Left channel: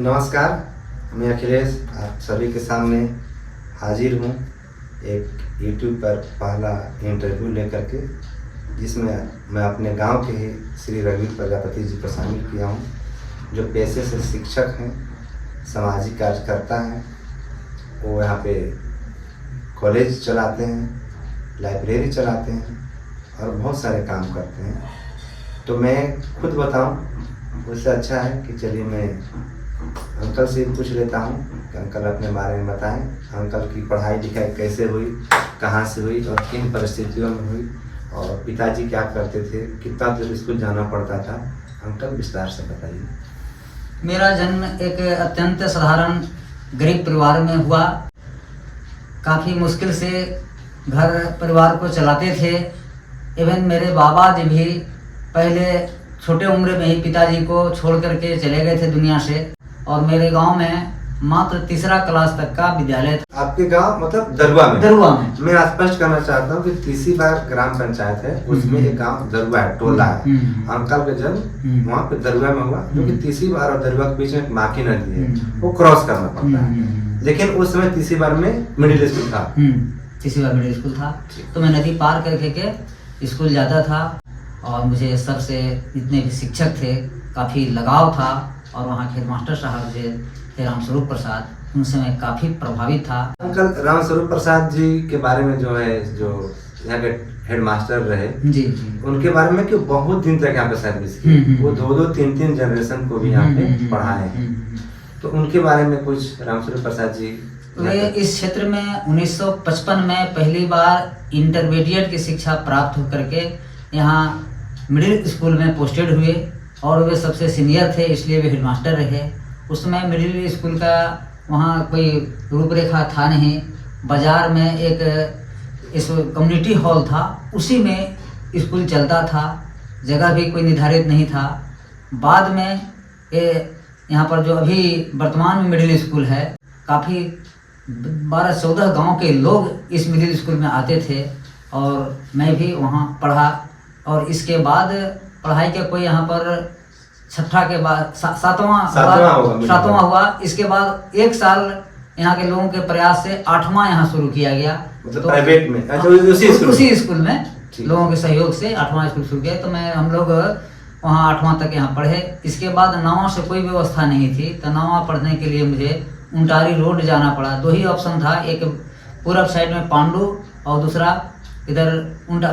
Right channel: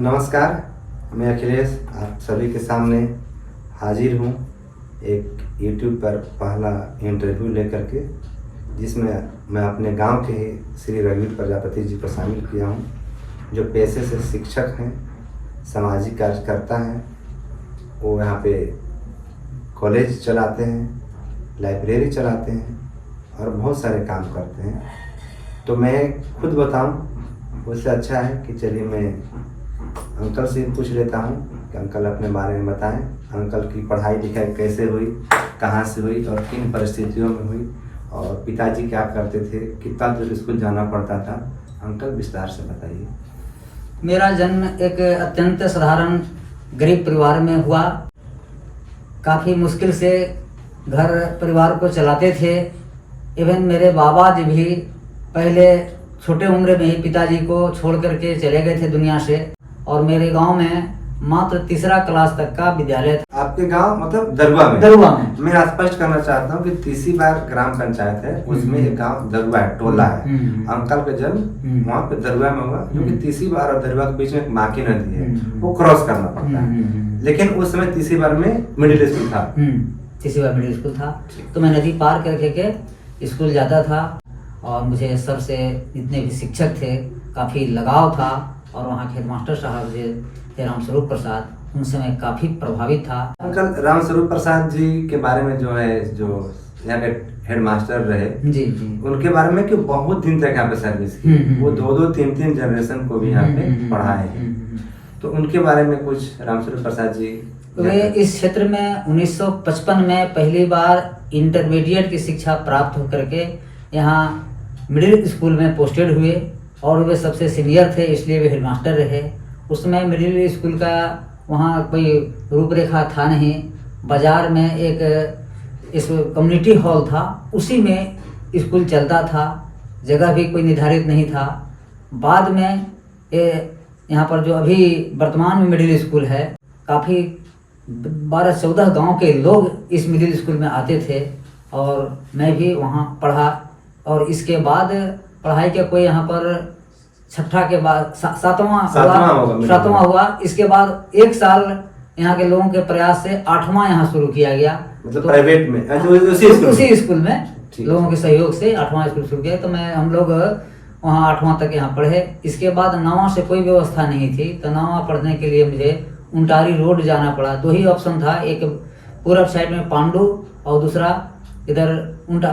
नमस्कार, मैं अखिलेश आप सभी के सामने हाजिर हूँ एक YouTube पर पहला इंटरव्यू लेकर के, जिसमें मैं अपने गांव के ही श्री रघुवीर प्रजापति जी को शामिल किया हूँ, जो पेशे से शिक्षक हैं, सामाजिक कार्यकर्ता हैं। वो यहाँ पे कॉलेज चलाते हैं, लाइब्रेरी चलाते हैं और बहुत सारे काम करते हैं। तो मैं खुद बताऊं, उससे अच्छा है कि चलिए मैं अंकल से पूछ लेता हूं कि अंकल अपने बारे में बताएं। अंकल की पढ़ाई लिखाई कैसे हुई, कहां से हुई और किन परिस्थितियों में हुई, और पिताजी क्या करते थे, कितना दूर स्कूल जाना पड़ता था। अंकल विस्तार से बताइए। मेरा जन्म एक अत्यंत साधारण गरीब परिवार में हुआ। काफ़ी मुश्किल से घर परिवार को चलाते थे। इवन मेरे बाबा जी भी पहले छोटे उम्र में ही पिताजी को छोड़ करके चले गए थे दुनिया से, और मेरे गांव में मात्र तीसरा क्लास तक का विद्यालय था। आपके गांव मतलब दरुआ में? दरुआ में। मैं स्पष्ट करना चाहता हूँ कि तीसरी बार ग्राम पंचायत है, उसमें एक गांव दरुआ है, टोला है। अंकल का जन्म वहाँ पे दरुआ में हुआ, क्योंकि तीसरी बार और दरुआ के बीच में एक माकी नदी है, वो क्रॉस करना पड़ता है। लेकिन उस समय तीसरी बार में मिडिल स्कूल था। तीसरी बार मिडिल स्कूल था, तो मैं नदी पार करके के स्कूल जाता था, और मुझे सर से जितने भी शिक्षक थे काफ़ी लगाव था, और वहाँ के हेडमास्टर साहब थे रामस्वरूप प्रसाद, उनसे मैं काफ़ी प्रभावित था। अंकल रामस्वरूप प्रसाद जी के बारे में जो है, जो यहाँ के हेडमास्टर रहे जी, उनके बारे में कि बहुत दिन तक यहाँ पे सर्विस की, वो 2-2, 3-3 जनरेशन को भी यहाँ पे पढ़ाए हैं। तो उनके बारे में कुछ, रामस्वरूप प्रसाद जी। वे इस क्षेत्र में 1955 में पहली बार इंटरमीडिएट की शिक्षा प्राप्त होकर के यहाँ मिडिल स्कूल में पोस्टेड हुए, और वे सबसे सीनियर थे, इसलिए वे हेडमास्टर रहे। उस समय मिडिल स्कूल का वहाँ कोई रूपरेखा था नहीं। बाजार में एक इस कम्युनिटी हॉल था, उसी में स्कूल चलता था, जगह भी कोई निर्धारित नहीं था। बाद में यहाँ पर जो अभी वर्तमान में मिडिल स्कूल है, काफ़ी 12-14 गांव के लोग इस मिडिल स्कूल में आते थे, और मैं भी वहाँ पढ़ा। और इसके बाद पढ़ाई का कोई यहाँ पर छठा के बाद सातवां हुआ। इसके बाद 1 साल यहाँ के लोगों के प्रयास से 8वां यहाँ शुरू किया गया, मतलब प्राइवेट में, उसी स्कूल में लोगों के सहयोग से 8वां स्कूल शुरू किया। तो हम लोग वहाँ 8वां तक यहाँ पढ़े। इसके बाद 9वां से कोई व्यवस्था नहीं थी, तो 9वां पढ़ने के लिए मुझे उंटारी रोड जाना पड़ा। 2 ही ऑप्शन था, एक पूर्व साइड में पांडु और दूसरा इधर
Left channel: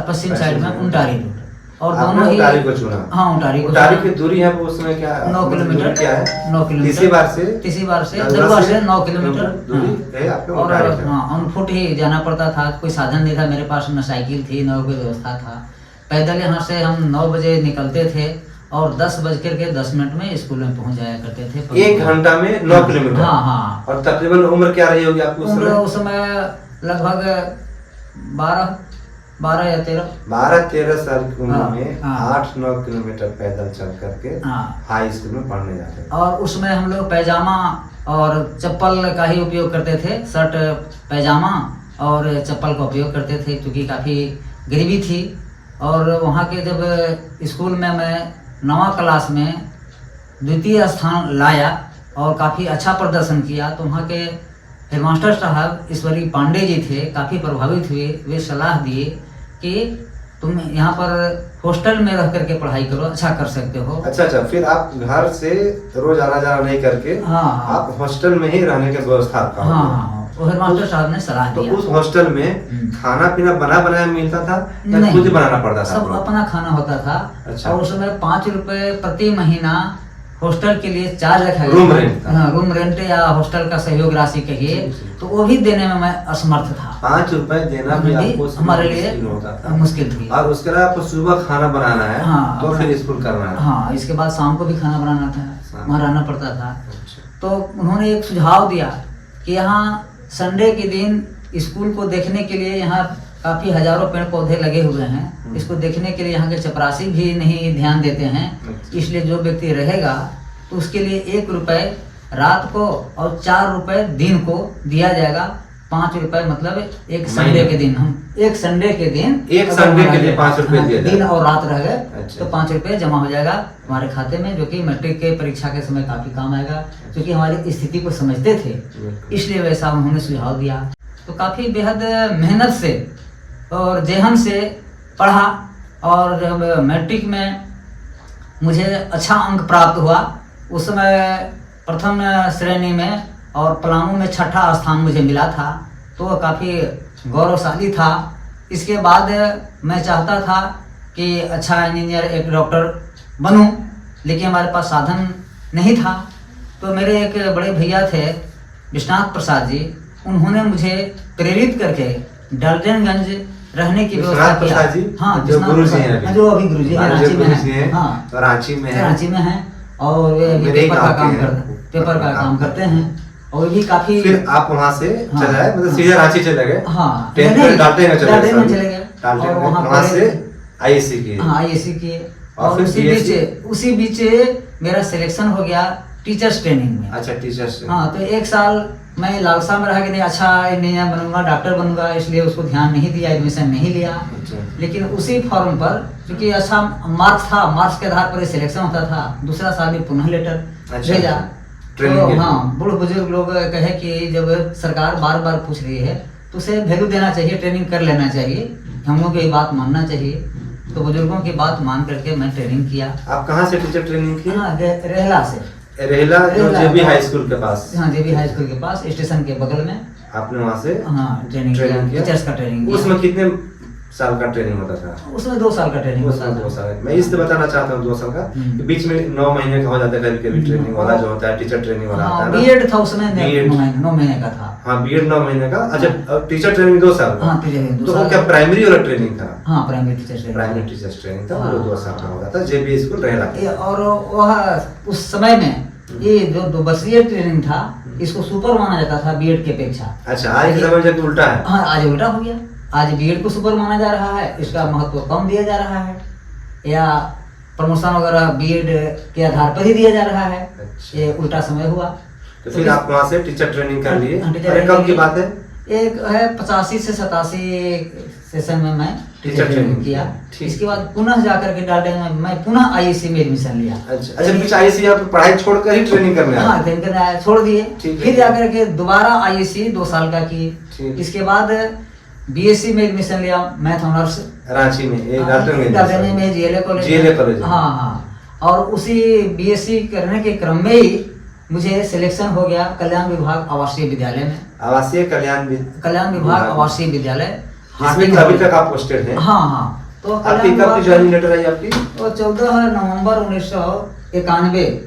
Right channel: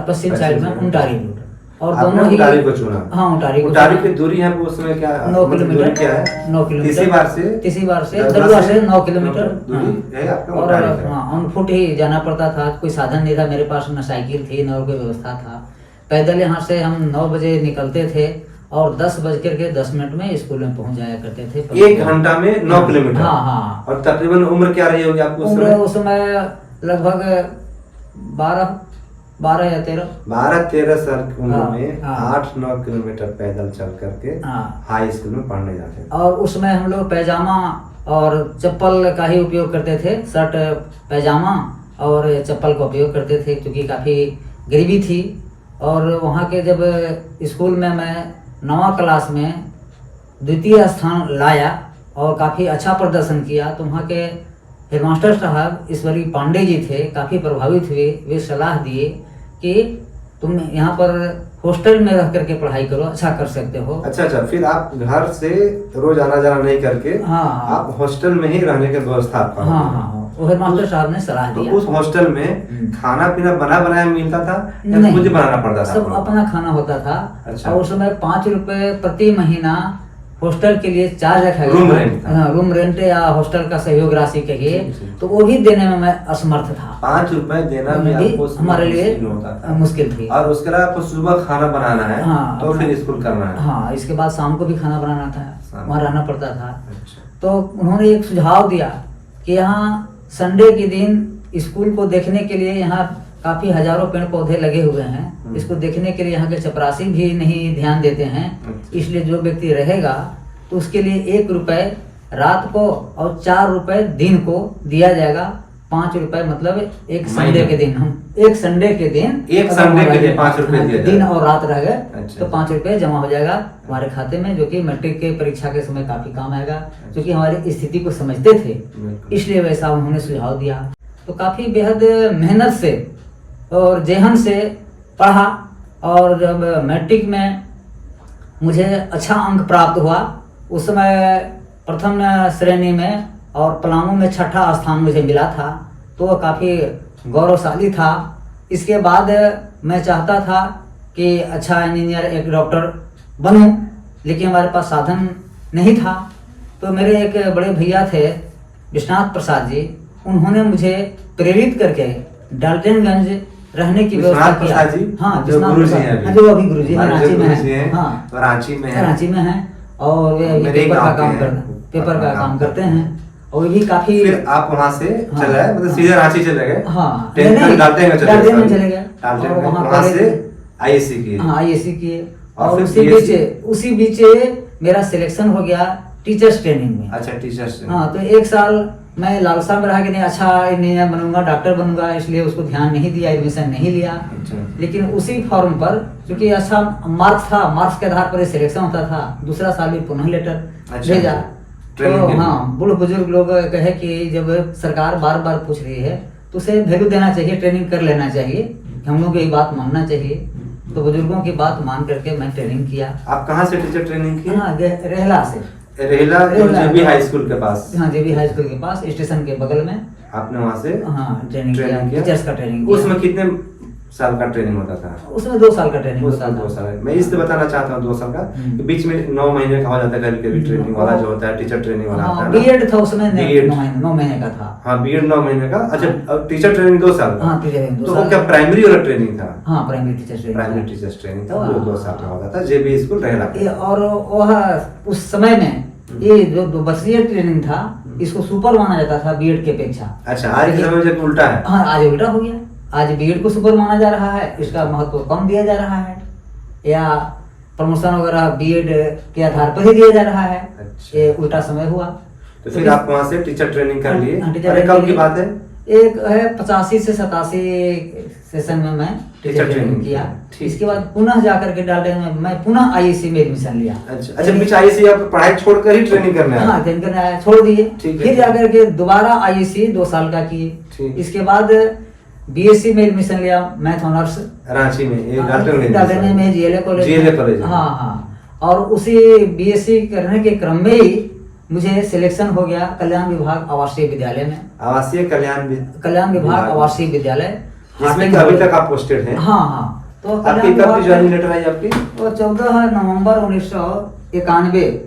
पश्चिम साइड में उंटारी रोड, और दोनों ही उंटारी को चुना। हाँ, उंटारी की दूरी है उसमें क्या 9 किलोमीटर क्या है? 9 किलोमीटर तीसरी बार से दरुआ से 9 किलोमीटर दूरी है आपके। और ऑन फुट ही जाना पड़ता था, कोई साधन नहीं था मेरे पास, न साइकिल थी न कोई व्यवस्था था। पैदल यहाँ से हम 9 बजे निकलते थे, और 10:10 में स्कूल में पहुँच जाया करते थे। 1 घंटा में 9 किलोमीटर। हाँ। और तकरीबन उम्र क्या रही होगी आपको? उस समय लगभग 12 या 13 साल की उम्र में 8-9 किलोमीटर पैदल चल करके हाई स्कूल में पढ़ने जाते थे। और उसमें हम लोग पैजामा और चप्पल का ही उपयोग करते थे, शर्ट पैजामा और चप्पल का उपयोग करते थे, क्योंकि काफ़ी गरीबी थी। और वहाँ के जब स्कूल में मैं 9वां क्लास में 2य स्थान लाया और काफ़ी अच्छा प्रदर्शन किया, तो वहाँ के हेडमास्टर साहब ईश्वरी पांडे जी थे, काफ़ी प्रभावित हुए। वे सलाह दिए कि तुम यहाँ पर हॉस्टल में रह करके पढ़ाई करो, अच्छा कर सकते हो। अच्छा, फिर आप घर से रोज आना जाना नहीं करके आप हॉस्टल में ही रहने की व्यवस्था? हाँ, वो हेडमास्टर साहब ने सलाह दिया। तो उस हॉस्टल में खाना पीना बना बनाया मिलता था या खुद बनाना पड़ता था? सब अपना खाना होता था। अच्छा। और उसमें 5 रुपए प्रति महीना हॉस्टल के लिए चार्ज रखा गया। रूम रेंट या हॉस्टल का सहयोग राशि कहिए, तो वो भी देने में मैं असमर्थ था। 5 रुपए देना भी आपको हमारे लिए मुश्किल थी। और उसके अलावा आपको सुबह खाना बनाना है, तो फिर स्कूल करना है। हाँ, इसके बाद शाम को भी खाना बनाना था, वहाँ रहना पड़ता था। तो उन्होंने एक सुझाव दिया कि यहाँ संडे के दिन स्कूल को देखने के लिए यहाँ काफ़ी हजारों पेड़ पौधे लगे हुए हैं, इसको देखने के लिए यहाँ के चपरासी भी नहीं ध्यान देते हैं। इसलिए जो व्यक्ति रहेगा तो उसके लिए 1 रुपए रात को और 4 रुपए दिन को दिया जाएगा, ₹5 मतलब एक महीने। संडे के दिन हम एक संडे के दिन एक अगर संडे के हमारा लिए ₹5 दिया दिन जाएगा। और रात रह गए अच्छा। तो ₹5 जमा हो जाएगा हमारे खाते में, जो कि मैट्रिक के परीक्षा के समय काफी काम आएगा, क्योंकि हमारी स्थिति को समझते थे, बिल्कुल। इसलिए वैसा उन्होंने सुझाव दिया। तो काफी बेहद मेहनत से और जेहन से पढ़ा, और जब मैट्रिक में मुझे अच्छा अंक प्राप्त हुआ, उस समय प्रथम श्रेणी में और पलामू में 6ठा स्थान मुझे मिला था, तो काफ़ी गौरवशाली था। इसके बाद मैं चाहता था कि अच्छा इंजीनियर, एक डॉक्टर बनूं, लेकिन हमारे पास साधन नहीं था। तो मेरे एक बड़े भैया थे विश्वनाथ प्रसाद जी, उन्होंने मुझे प्रेरित करके डाल्टनगंज रहने की व्यवस्था विश्वनाथ किया। प्रसाद जी? हाँ, जो विश्वनाथ गुरुजी प्रसाद- हैं अभी। हाँ, जो अभी गुरुजी हैं, हाँ, जो रांची में गुरुजी हैं। हैं, हाँ, तो रांची में है। रांची में हैं, और वे अभी मेरे ही पेपर का गाँव के काम हैं। पेपर का काम करते हैं, और वे भी काफी। फिर आप वहाँ से हाँ, चले आए, मतलब हाँ। सीधे रांची चले गए? हाँ, 10th नहीं, तक डाल्टनगंज चले गए? डाल्टनगंज चले गए, डाल्टनगंज, और वहाँ वहाँ पहले- से आईएससी की? हाँ, आईएससी किए, और और फिर उसी बीच मेरा सिलेक्शन हो गया टीचर्स ट्रेनिंग में। अच्छा, टीचर्स। हाँ, तो एक साल मैं लालसा में रहा कि नहीं, अच्छा इंजीनियर बनूंगा, डॉक्टर बनूंगा, इसलिए उसको ध्यान नहीं दिया, एडमिशन नहीं लिया। अच्छा। लेकिन उसी फॉर्म पर, क्योंकि अच्छा मार्क्स था, मार्क्स के आधार पर सिलेक्शन होता था, दूसरा साल भी पुनः लेटर अच्छा, भेजा। ट्रेनिंग तो के लिए। हाँ, बूढ़ बुजुर्ग लोग कहे कि जब सरकार बार बार पूछ रही है तो उसे वैल्यू देना चाहिए, ट्रेनिंग कर लेना चाहिए, हम लोग की बात मानना चाहिए। तो बुजुर्गों की बात मान करके मैं ट्रेनिंग किया। आप कहाँ से टीचर ट्रेनिंग की? हाँ, रेहला से। रेहला, जो रेहला। जेबी हाई स्कूल के पास? हाँ, जेबी हाई स्कूल के पास, स्टेशन के बगल में। आपने वहाँ से हाँ, ट्रेनिंग किया, टीचर्स का ट्रेनिंग किया। उसमें कितने साल का ट्रेनिंग होता था? उसमें 2 साल का ट्रेनिंग होता उसमें था। 2 साल। मैं इसलिए बताना चाहता हूँ 2 साल का, कि बीच में 9 महीने का हो जाता है कभी कभी ट्रेनिंग वाला, जो होता है टीचर ट्रेनिंग वाला आता हाँ, है ना। बीएड था उसमें, 9 9 महीने का था। हाँ, बीएड 9 महीने का। अच्छा, और टीचर ट्रेनिंग 2 साल का? हाँ, टीचर ट्रेनिंग 2 तो साल वो क्या का। प्राइमरी वाला ट्रेनिंग था? हाँ, primary teacher training. Primary teachers training था, हाँ। वो 2 साल का होता था, जेबी स्कूल रेहला ये के। और वह उस समय में ये जो 2 वर्षीय ट्रेनिंग था, इसको सुपर माना जाता था बीएड की अपेक्षा। अच्छा, आज के समय में जब उल्टा है। हाँ, आज उल्टा हो गया, आज बीएड को सुपर माना जा रहा है, इसका महत्व कम दिया जा रहा है, या प्रमोशन वगैरह बीएड के आधार पर ही दिया जा रहा है। अच्छा। ये उल्टा समय हुआ। तो फिर आप वहाँ से टीचर ट्रेनिंग कर लिए? हाँ, टीचर अरे ट्रेनिंग कब की के बात है? एक है 85 से 87 सेशन में मैं टीचर ट्रेनिंग किया। ठीक। इसके बाद पुनः जाकर के डाल्टनगंज में मैं पुनः आईएससी में एडमिशन लिया। अच्छा, बीच आईएससी आप पढ़ाई छोड़कर ही ट्रेनिंग करने आए? हाँ, ट्रेनिंग करने आया, छोड़ दिए। ठीक है। फिर जाकर के दोबारा आईएससी 2 साल का की। ठीक। इसके बाद बीएससी में एडमिशन लिया, मैथ ऑनर्स, रांची में, ये डाल्टनगंज में जीएलए कॉलेज। GLA college. हाँ हाँ, और उसी बीएससी करने के क्रम में ही मुझे सिलेक्शन हो गया कल्याण विभाग आवासीय विद्यालय में। आवासीय कल्याण विभाग आवासीय विद्यालय, जिसमें कि अभी तक आप पोस्टेड हैं? हाँ हाँ। तो आपकी कब ज्वाइनिंग लेटर आई आपकी? वो 14 नवंबर 1991।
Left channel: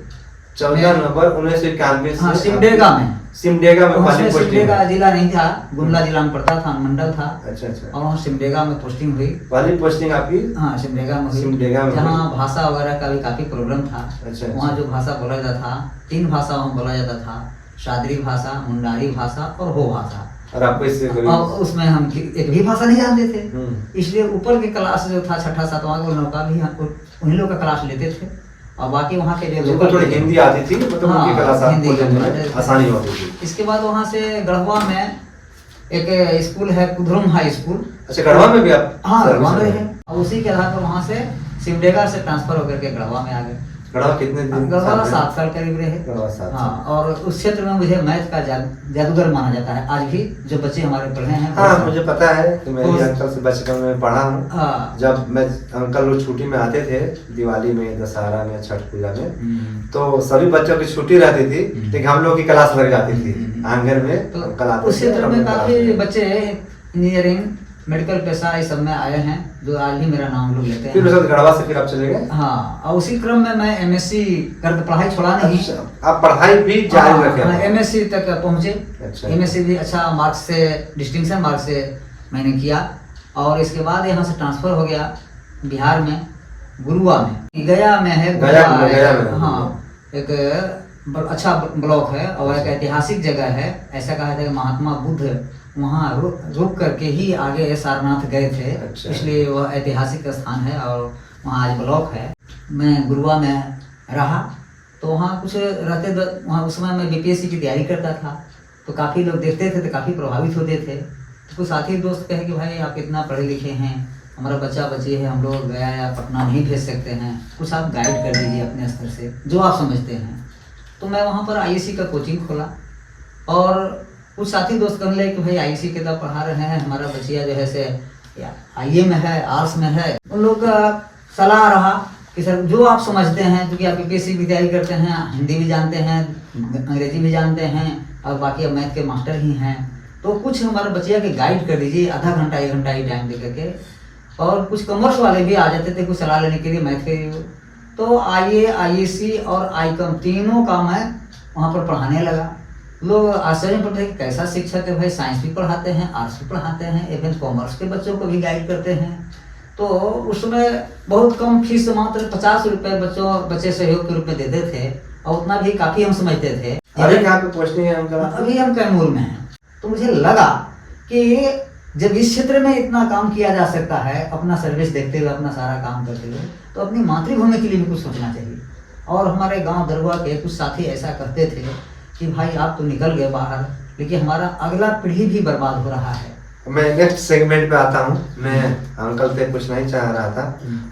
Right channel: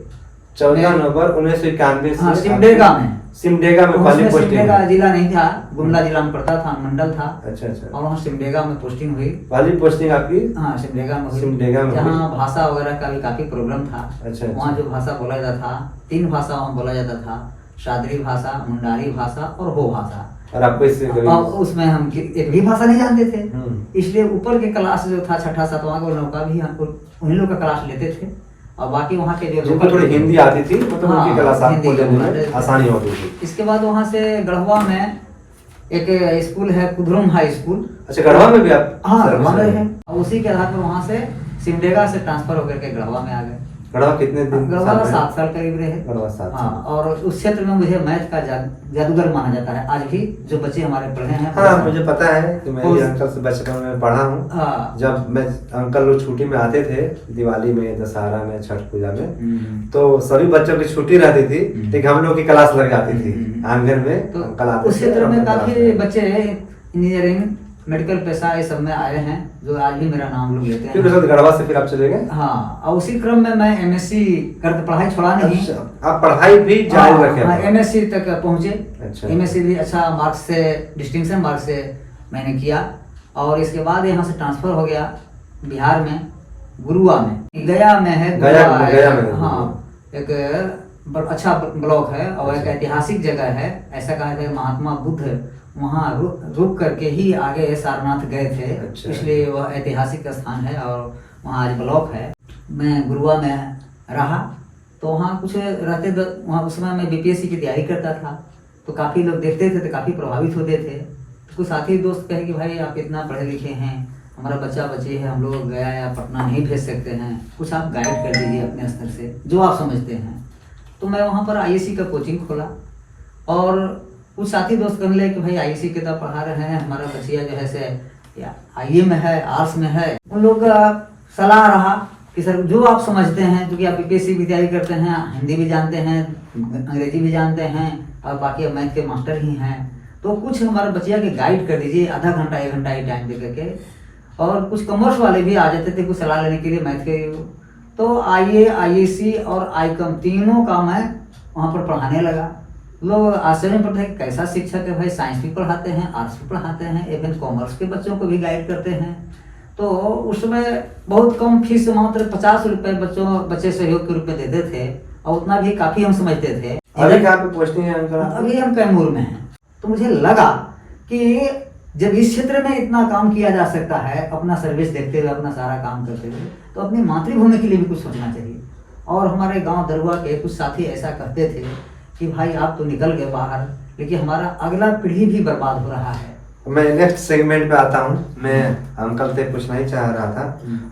14 नवंबर 1991 हाँ, से सिमडेगा में। सिमडेगा में पहली उसमें पोस्टिंग सिमडेगा हुई। जिला नहीं था, गुमला जिला में पड़ता था, मंडल था, अच्छा अच्छा, और वहाँ सिमडेगा में पोस्टिंग हुई। पहली पोस्टिंग आपकी? हाँ, सिमडेगा में हुई। सिमडेगा में जहाँ हुई। भाषा वगैरह का भी काफी प्रॉब्लम था। अच्छा। वहाँ जो भाषा बोला जाता था, 3 भाषा वहाँ बोला जाता था, शादरी भाषा, मुंडारी भाषा और हो भाषा। और आपको इससे और उसमें हम एक भी भाषा नहीं जानते थे, हम्म। इसलिए ऊपर के क्लास जो था 6ठा 7वां वो लोग का भी उन्हीं लोग का क्लास लेते थे, और बाकी वहाँ के जो जिनको थोड़ी हिंदी आती थी, मतलब हाँ, उनकी क्लास हिंदी आपको लेने आती में थी। आसानी होती थी। इसके बाद वहाँ से गढ़वा में एक स्कूल है, कुधरुम हाई स्कूल। अच्छा, गढ़वा में भी आप? हाँ, सर्विस गढ़वा में में? है, और उसी के आधार पर वहाँ से सिमडेगा से ट्रांसफर होकर के गढ़वा में आ गए। गढ़वा कितने दिन? गढ़वा साल में? 7 साल करीब रहे। गढ़वा 7 हाँ, और उस क्षेत्र में मुझे मैथ का जादूगर माना जाता है। आज भी जो बच्चे हमारे पढ़े हैं। हाँ, मुझे पता है कि मैं उस- अंकल से बचपन में पढ़ा हूँ। हाँ। जब मैं अंकल लोग छुट्टी में आते थे, दिवाली में, दशहरा में, छठ पूजा में, तो सभी बच्चों की छुट्टी रहती थी, लेकिन हम लोग की क्लास लग जाती थी आंगन में। तो अंकल आते उस थे, क्षेत्र हम में लोग काफी क्लास में। बच्चे इंजीनियरिंग, मेडिकल पेशा इस सब में आए हैं, जो आज भी मेरा नाम लोग लेते फिर उसके हैं। बाद गढ़वा से फिर आप चले गए? हाँ, और उसी क्रम में मैं एमएससी कर पढ़ाई छोड़ा नहीं। अच्छा, आप पढ़ाई भी जारी रखे? हाँ, एमएससी तक पहुंचे। अच्छा। एमएससी भी अच्छा मार्क्स से, डिस्टिंक्शन मार्क्स से मैंने किया, और इसके बाद यहाँ से ट्रांसफर हो गया बिहार में, गुरुआ में। गया में है, गया में। हाँ, एक अच्छा ब्लॉक है और एक ऐतिहासिक जगह है। ऐसा कहा था कि महात्मा बुद्ध वहाँ रुक करके ही आगे सारनाथ गए थे। अच्छा। इसलिए वह ऐतिहासिक स्थान है और वहाँ आज ब्लॉक है। मैं गुरुआ में रहा, तो वहाँ कुछ रहते वहाँ उस समय मैं बीपीएससी की तैयारी करता था, तो काफ़ी लोग देखते थे तो काफ़ी प्रभावित होते थे। तो कुछ साथी दोस्त कहे कि भाई आप इतना पढ़े लिखे हैं, हमारा बच्चा बच्ची है, हम लोग गया है, आप पटना नहीं भेज सकते हैं, कुछ आप गाइड कर दीजिए अपने स्तर से जो आप समझते हैं। तो मैं वहाँ पर IAC का कोचिंग खोला और कुछ साथी दोस्त कहने लगे कि भाई IAC के तो पढ़ा रहे हैं, हमारा बच्चिया जो है से IE में है, आर्ट्स में है। उन लोग का सलाह रहा कि सर जो आप समझते हैं, क्योंकि आप BPSC की तैयारी करते हैं, हिंदी भी जानते हैं, अंग्रेजी भी जानते हैं और बाकी अब मैथ के मास्टर ही हैं, तो कुछ हमारे बच्चिया के गाइड कर दीजिए, आधा घंटा 1 घंटा ही टाइम दे करके। और कुछ कॉमर्स वाले भी आ जाते थे कुछ सलाह लेने के लिए मैथ के। तो IA, IAC और ICOM तीनों का मैं वहाँ पर पढ़ाने लगा। लोग आश्चर्य पड़ते हैं कि कैसा शिक्षक है भाई, साइंस भी पढ़ाते हैं, आर्ट्स भी पढ़ाते हैं, इवन कॉमर्स के बच्चों को भी गाइड करते हैं। तो उस समय बहुत कम फीस, मात्र 50 रुपये बच्चे सहयोग के रूप में देते थे और उतना भी काफ़ी हम समझते थे। अभी कहाँ पे पोस्टिंग है अंकल? अभी हम कैमूर में हैं। तो मुझे लगा कि जब इस क्षेत्र में इतना काम किया जा सकता है, अपना सर्विस देखते हुए, अपना सारा काम करते हुए, तो अपनी मातृभूमि के लिए भी कुछ सोचना चाहिए। और हमारे गांव दरुआ के कुछ साथी ऐसा करते थे कि भाई आप तो निकल गए बाहर, लेकिन हमारा अगला पीढ़ी भी बर्बाद हो रहा है। मैं नेक्स्ट सेगमेंट पे आता हूँ। मैं अंकल से पूछना ही चाह रहा था,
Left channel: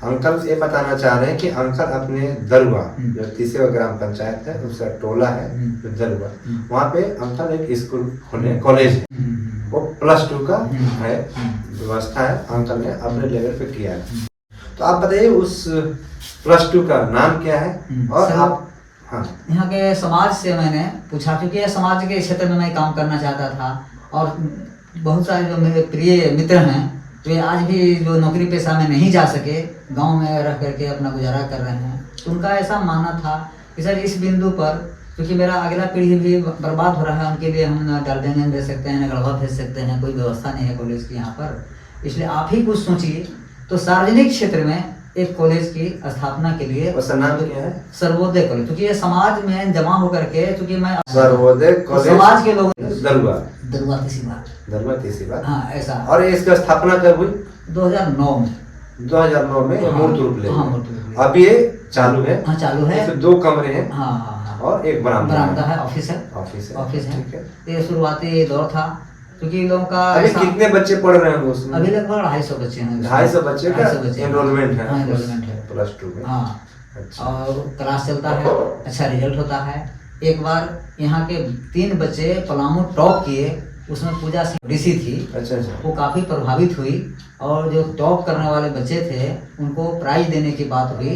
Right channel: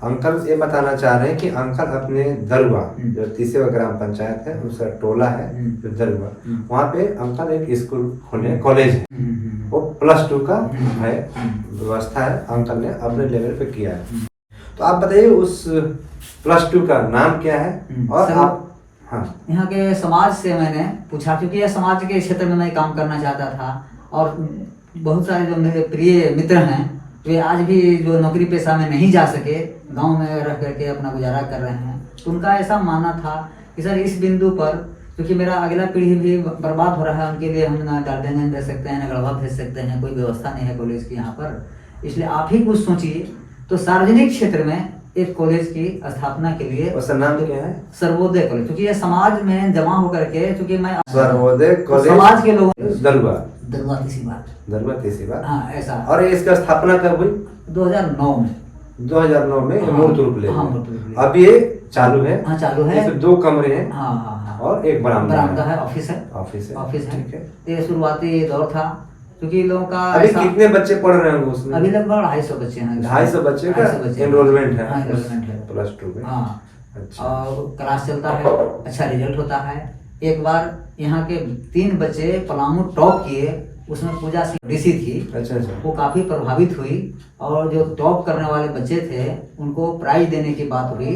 अंकल ये बताना चाह रहे हैं कि अंकल अपने दरुआ जो 30वां ग्राम पंचायत है, उसका टोला है जो दरुआ, वहाँ पे अंकल एक स्कूल खोले, कॉलेज है, वो +2 का है, व्यवस्था है, अंकल ने अपने लेवल पे किया है। तो आप बताइए उस +2 का नाम क्या है? और आप यहाँ के समाज से मैंने पूछा, क्योंकि समाज के क्षेत्र में मैं काम करना चाहता था और बहुत सारे जो मेरे प्रिय मित्र हैं वे आज भी जो नौकरी पेशा में नहीं जा सके, गांव में रह करके अपना गुजारा कर रहे हैं। तो उनका ऐसा मानना था कि सर इस बिंदु पर, क्योंकि मेरा अगला पीढ़ी भी बर्बाद हो रहा है, उनके लिए हम ना गार्डन भेज सकते हैं, ना गढ़वा भेज सकते हैं, कोई व्यवस्था नहीं है कॉलेज की यहाँ पर, इसलिए आप ही कुछ सोचिए। तो सार्वजनिक क्षेत्र में एक कॉलेज की स्थापना के लिए, उसका नाम क्या है? सर्वोदय कॉलेज, क्योंकि ये समाज में जमा होकर के, क्योंकि मैं सर्वोदय कॉलेज समाज के लोगों दरुआ दरुआ तीसरी बार, हाँ ऐसा। और इसका स्थापना कब हुई? 2009 में। 2009 में हाँ, मूर्त रूप ले। हाँ, अब ये चालू है? हाँ चालू है। इसमें 2 कमरे हैं। हाँ हाँ हाँ। और एक बरामदा है, ऑफिस है। ऑफिस है, ठीक है। ये शुरुआती दौर था, क्योंकि लोगों का अभी कितने बच्चे पढ़ रहे हैं उसमें? अभी लगभग 250 बच्चे हैं। 250 बच्चे का एनरोलमेंट है? हाँ, एनरोलमेंट है +2 में। हाँ। अच्छा। और क्लास चलता है, अच्छा रिजल्ट होता है। एक बार यहाँ के 3 बच्चे पलामू टॉप किए, उसमें पूजा सिंह ऋषि थी। अच्छा। वो काफ़ी प्रभावित हुई और जो टॉप करने वाले बच्चे थे उनको प्राइज देने की बात हुई,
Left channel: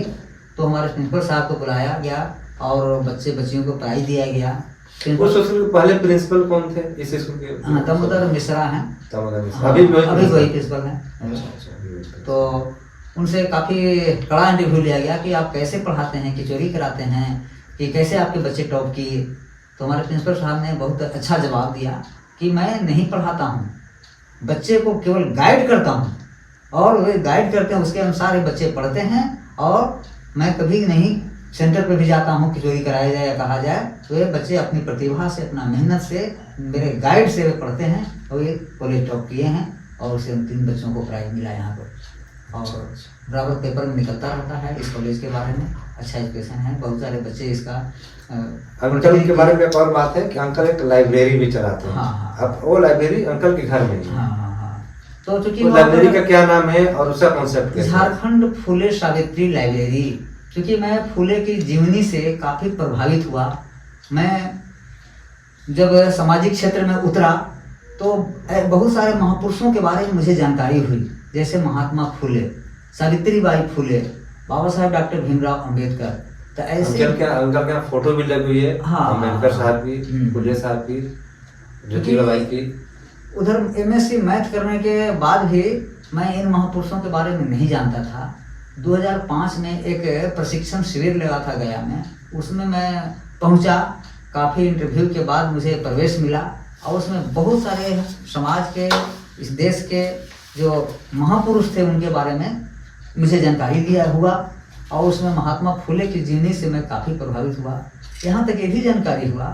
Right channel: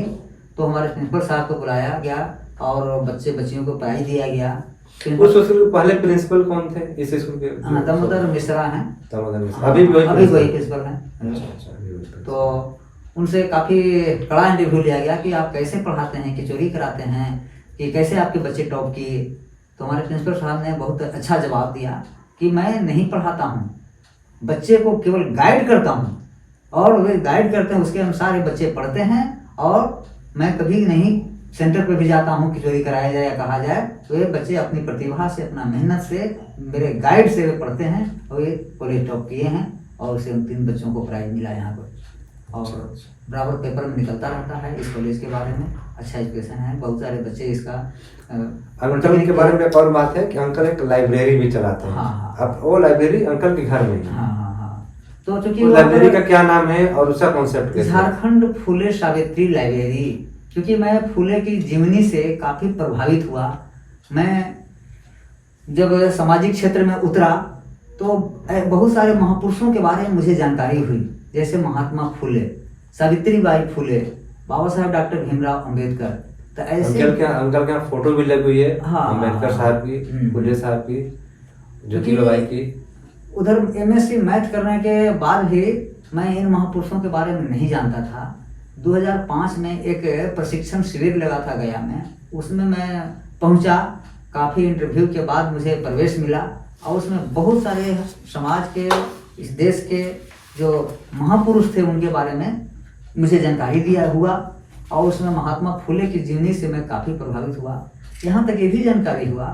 तो हमारे प्रिंसिपल साहब को बुलाया गया और बच्चियों को प्राइज दिया गया। उस स्कूल के पहले प्रिंसिपल कौन थे इस स्कूल के? हाँ, दामोदर मिश्रा हैं। अभी वही प्रिंसिपल हैं। तो उनसे काफ़ी कड़ा इंटरव्यू लिया गया कि आप कैसे पढ़ाते हैं, कि चोरी कराते हैं, कि कैसे आपके बच्चे टॉप किए। तो हमारे प्रिंसिपल साहब ने बहुत अच्छा जवाब दिया कि मैं नहीं पढ़ाता हूँ, बच्चे को केवल गाइड करता हूँ और वे गाइड करते हैं, उसके अनुसार ये बच्चे पढ़ते हैं। और मैं कभी नहीं सेंटर पर भी जाता हूँ कि चोरी कराया जाए या कहा जाए, तो ये बच्चे अपनी प्रतिभा से, अपना मेहनत से, मेरे गाइड से वे पढ़ते हैं और ये कॉलेज टॉप किए हैं और उसे 3 बच्चों को प्राइज मिला यहाँ पर। और बराबर पेपर में निकलता रहता है इस कॉलेज के बारे में, अच्छा एजुकेशन है, बहुत सारे बच्चे इसका। अंकल के बारे में एक और बात है कि अंकल एक लाइब्रेरी भी चलाते हैं। हाँ। अब वो लाइब्रेरी अंकल के घर में ही है। हाँ। तो चूंकि लाइब्रेरी का क्या नाम है और उसका कॉन्सेप्ट क्या है? झारखंड फुले सावित्री लाइब्रेरी। क्योंकि मैं फुले की जीवनी से काफ़ी प्रभावित हुआ। मैं जब सामाजिक क्षेत्र में उतरा तो बहुत सारे महापुरुषों के बारे में मुझे जानकारी हुई, जैसे महात्मा फुले, सावित्रीबाई फुले, बाबा साहब डॉक्टर भीमराव अंबेडकर। तो ऐसे अंकल का फोटो भी लगी हुई है। हाँ, अंबेडकर साहब की, फुले साहब की, ज्योतिबाई की। उधर MSc मैथ करने के बाद भी मैं इन महापुरुषों के बारे में नहीं जानता था। 2005 में एक प्रशिक्षण शिविर लगा था गया में, उसमें मैं पहुंचा। काफ़ी इंटरव्यू के बाद मुझे प्रवेश मिला और उसमें बहुत सारे समाज के, इस देश के जो महापुरुष थे उनके बारे में मुझे जानकारी दिया हुआ और उसमें महात्मा फुले की जीवनी से मैं काफ़ी प्रभावित हुआ। यहाँ तक ये भी जानकारी हुआ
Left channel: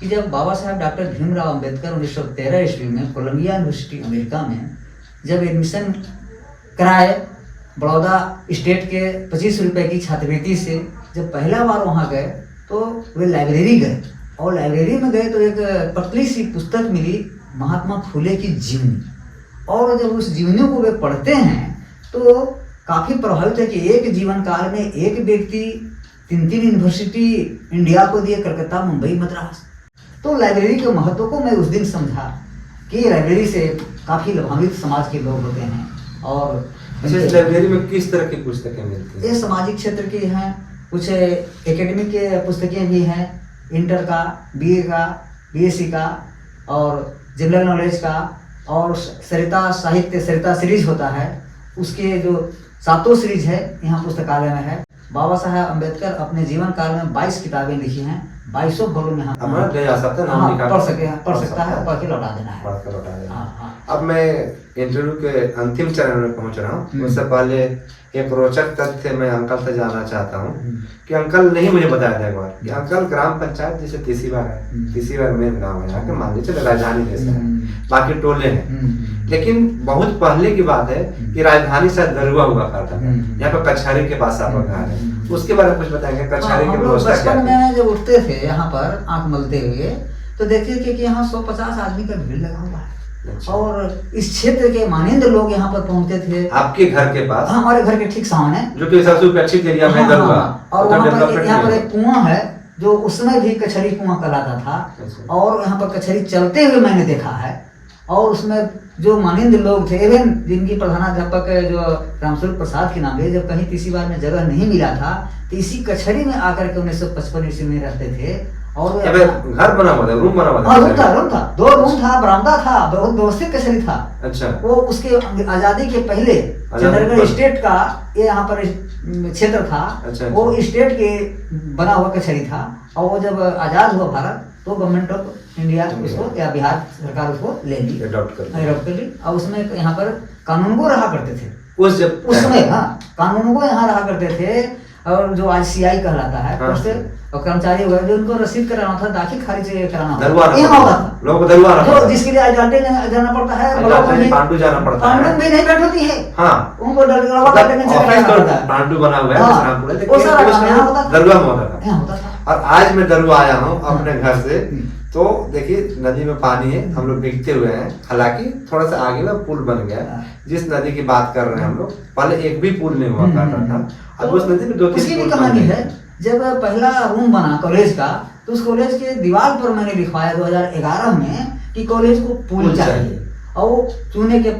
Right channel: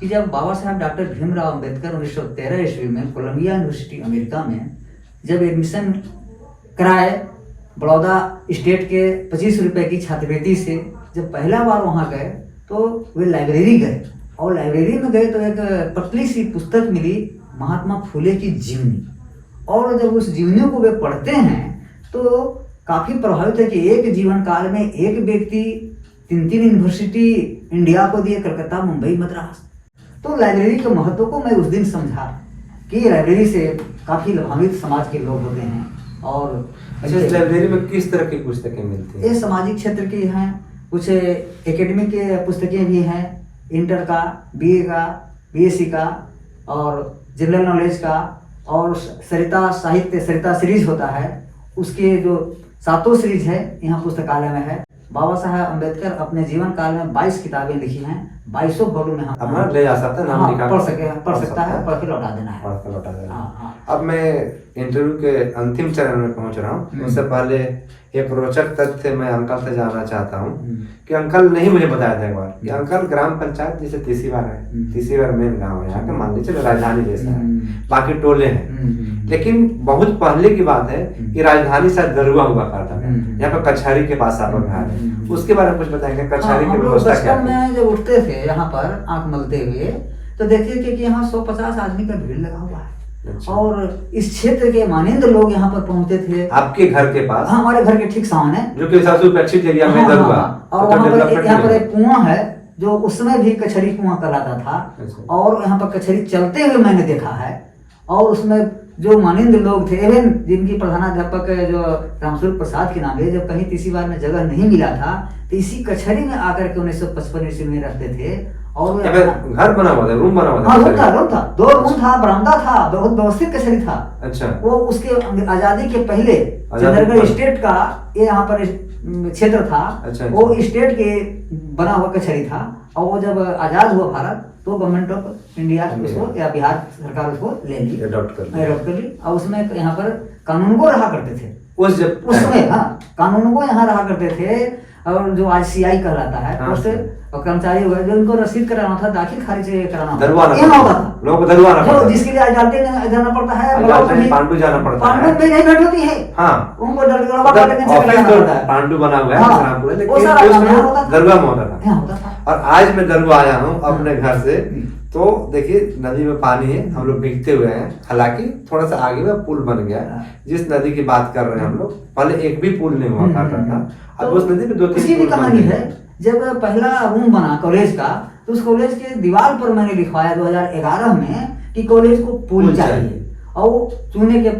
कि जब बाबा साहब डॉक्टर भीमराव अंबेडकर 1913 ईस्वी में कोलंबिया यूनिवर्सिटी अमेरिका में जब एडमिशन कराए, बड़ौदा स्टेट के 25 रुपए की छात्रवृत्ति से जब पहला बार वहाँ गए तो वे लाइब्रेरी गए और लाइब्रेरी में गए तो एक पतली सी पुस्तक मिली, महात्मा फुले की जीवनी। और जब उस जीवनी को वे पढ़ते हैं तो काफ़ी प्रभावित है कि एक जीवन काल में एक व्यक्ति 3 यूनिवर्सिटी इंडिया को दिए, कलकत्ता, मुंबई, मद्रास। तो लाइब्रेरी के महत्व को मैं उस दिन समझा कि लाइब्रेरी से काफ़ी लाभान्वित समाज के लोग होते हैं। और अच्छा, इस लाइब्रेरी में किस तरह की पुस्तकें मिलती हैं? ये सामाजिक क्षेत्र की हैं, कुछ एकेडमिक पुस्तकें भी हैं, इंटर का, बीए का, बीएससी का और जनरल नॉलेज का, और सरिता साहित्य, सरिता सीरीज होता है, उसके जो 7 सीरीज है यहाँ पुस्तकालय में है। बाबा साहब अम्बेडकर अपने जीवन काल में 22 किताबें लिखी हैं, 22 वॉल्यूम में हम ले जा सकते हैं, नाम लिखा पढ़ सकता है, पढ़ के लौटा देना है। पढ़ के लौटा देना। हाँ। अब मैं इंटरव्यू के अंतिम चरण में पहुंच रहा हूँ। उससे पहले एक रोचक तथ्य मैं अंकल से जानना चाहता हूँ कि अंकल नहीं मुझे बताया था एक बार कि अंकल ग्राम पंचायत जैसे तीसरीवार है, तीसरीवार मेन गाँव है यहाँ के, मान लीजिए राजधानी जैसा है, बाकी टोले हैं, लेकिन बहुत पहले की बात है कि राजधानी शायद दरुआ हुआ करता था। यहाँ पर कचहरी के पास आपका घर है, उसके बारे में कुछ बताएंगे? कचहरी की व्यवस्था क्या बचपन में जब उठते थे यहाँ पर आंख मलते हुए तो देखते थे कि यहाँ 150 आदमी का भीड़ लगा हुआ है। अच्छा। और इस क्षेत्र के मानिंद लोग यहाँ पर पहुंचते थे। आपके घर के पास? हमारे घर के ठीक सामने, जो कि सबसे उपेक्षित एरिया में दरुआ। और वहाँ पर यहाँ पर एक कुआं है जो उस समय भी कचहरी कुआं कहलाता था। और यहाँ पर कचहरी चलते हुए मैंने देखा है। और उसमें जो मानिंद लोग थे, एवं जिनकी प्रधानाध्यापक जो रामस्वरूप प्रसाद के नाम है, जब कहीं तीसरी बार में जगह नहीं मिला था तो इसी कचहरी में आकर के 1955 ईस्वी में रहते थे। और घर बना हुआ था, रूम बना हुआ था? रूम था, 2 रूम था, बरामदा था, बहुत व्यवस्थित कचहरी था। अच्छा। वो उसके आजादी के पहले चंद्रगढ़ स्टेट का ये यहाँ पर क्षेत्र था। अच्छा। वो स्टेट के बना हुआ कचहरी था। और वो जब आजाद हुआ भारत तो गवर्नमेंट ऑफ इंडिया उसको या बिहार सरकार उसको ले ली, अडॉप्ट कर ली। और उसमें यहाँ पर कानून को रहा करते थे उस समय। हाँ, कानून को यहाँ रहा करते थे। और जो ICI कहलाता है, हाँ, उससे कर्मचारी वगैरह जो उनको रसीद कराना था, दाखिल खारिज कराना होता था, लोगों को दरबार, जिसके लिए अदालत जाना पड़ता है, पांडु जाना पड़ता है, पांडु में नहीं भेंट होती है। हाँ, उनको पांडु बना हुआ है, दरुआ में होता था। और आज मैं दरुआ आया हूँ अपने घर से, तो देखिए नदी में पानी है, हम लोग भीगते हुए हैं। हालांकि थोड़ा सा आगे में पुल बन गया। जिस नदी की बात कर रहे हैं हम लोग, पहले एक भी पुल नहीं हुआ करता था, अब उस नदी में 2-3 पुल कहानी है। जब पहला रूम बना कॉलेज का तो उस कॉलेज के दीवार पर मैंने लिखवाया 2011 में कि कॉलेज को पुल चाहिए। और चुने के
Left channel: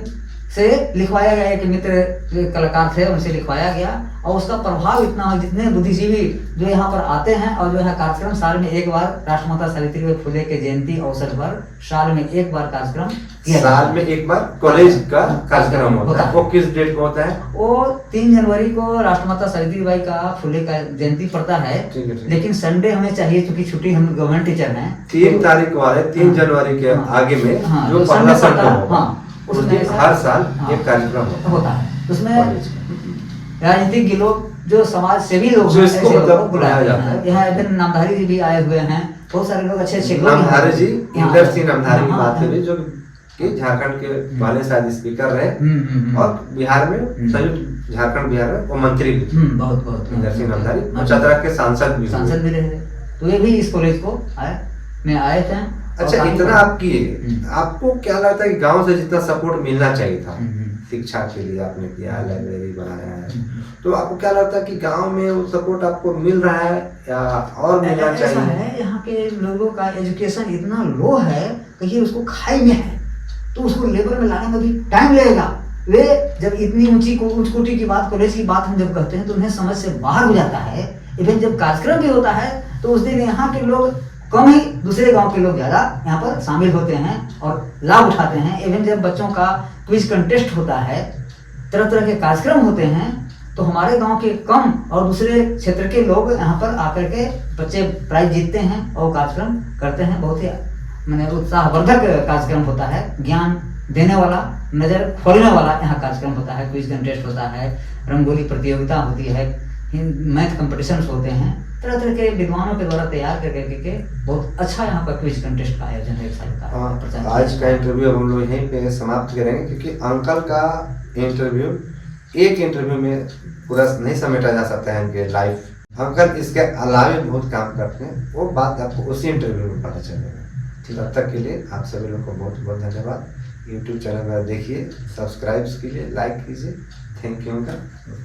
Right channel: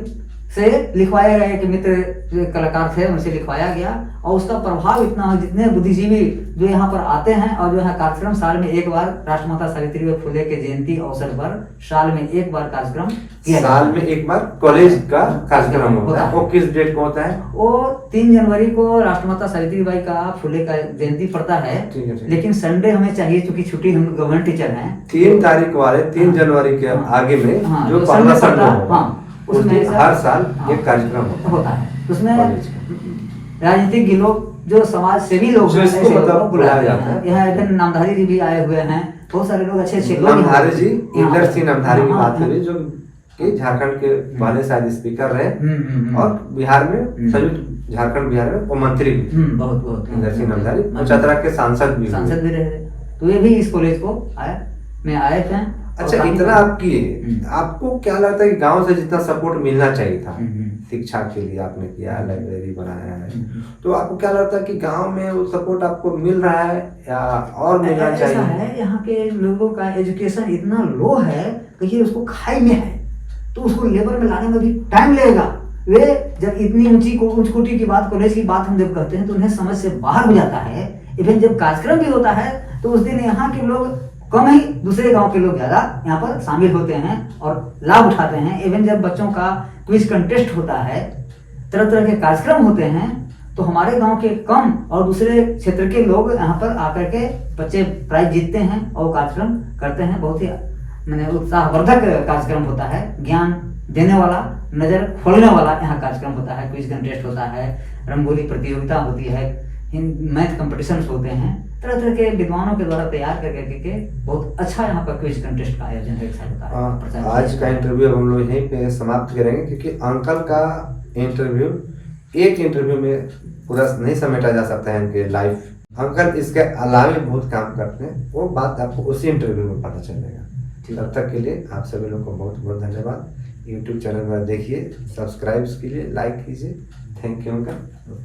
से लिखवाया गया, एक मित्र कलाकार थे उनसे लिखवाया गया। और उसका प्रभाव इतना हो, जितने बुद्धिजीवी जो यहाँ पर आते हैं और जो है कार्यक्रम साल में एक बार राष्ट्रमाता सावित्रीबाई फुले के जयंती अवसर पर साल में एक बार कार्यक्रम किया, साल में एक बार कॉलेज का कार्यक्रम होता है। वो किस डेट को होता है? वो 3 जनवरी को राष्ट्रमाता सावित्रीबाई का फुले का जयंती पड़ता है। लेकिन संडे हमें चाहिए क्योंकि छुट्टी, हम गवर्नमेंट टीचर हैं। 3 तारीख वाले 3 जनवरी के आगे में जो पहला संडे होगा, उसमें हर साल एक कार्यक्रम होता है। उसमें राजनीतिक के लोग, जो समाज सेवी लोग जो इसको मतलब बुलाया जाता है। यहाँ नामधारी जी भी आए हुए हैं, बहुत सारे लोग अच्छे लोग। नामधारी जी, इंद्र सिंह नामधारी की बात करें, जो कि झारखंड के पहले शायद स्पीकर रहे और बिहार में संयुक्त झारखंड बिहार में वो मंत्री बहुत इंद्र सिंह नामधारी, चतरा के सांसद भी रहे। तो ये भी इस कॉलेज को आए थे। अच्छा, इतना आप किए, आपको क्या लगता है कि गांव से जितना सपोर्ट मिलना चाहिए था शिक्षा के लिए आपने किया, लाइब्रेरी बनाया है, तो आपको क्या लगता है कि गांव में वो सपोर्ट आपको मिल रहा है या और मिलना चाहिए? ऐसा है, यहाँ के लोगों का एजुकेशन इतना लो है कि उसको खाई में है, तो उसको लेवल में लाने में भी टाइम लगेगा। वे जब इतनी उच्च कोटि की बात, कॉलेज की बात हम जब कहते हैं तो उन्हें समझ से बाहर हो जाता है। इवन जब कार्यक्रम भी होता है तो उस दिन यहाँ के लोग कम ही, दूसरे गांव के लोग ज्यादा यहाँ पर शामिल होते हैं और लाभ उठाते हैं। इवन जब बच्चों का क्विज कंटेस्ट होता है, तरह तरह के कार्यक्रम होते हैं, तो हमारे गांव के कम और दूसरे क्षेत्र के लोग यहाँ पर आकर के बच्चे प्राइज जीतते हैं और कार्यक्रम करते हैं। बहुत ही मैंने उत्साहवर्धक कार्यक्रम होता है, ज्ञान देने वाला, नजर खोलने वाला यहाँ कार्यक्रम होता है। क्विज कंटेस्ट होता है, रंगोली प्रतियोगिता होती है, मैथ कंपटीशन होते हैं, तरह तरह के विद्वानों के द्वारा तैयार करके बहुत अच्छा यहाँ पर क्विज कंटेस्ट का आयोजन है एक साल का। आज का इंटरव्यू हम लोग यहीं पे समाप्त करेंगे, क्योंकि अंकल का इंटरव्यू एक इंटरव्यू में पूरा नहीं समेटा जा सकता है इनके लाइफ अंकल इसके अलावे बहुत काम करते हैं, वो बात आपको उसी इंटरव्यू में पता चलेगा। तब तक के लिए आप सभी लोग को बहुत बहुत धन्यवाद। यूट्यूब चैनल में देखिए, सब्सक्राइब कीजिए, लाइक कीजिए। Thank you uncle.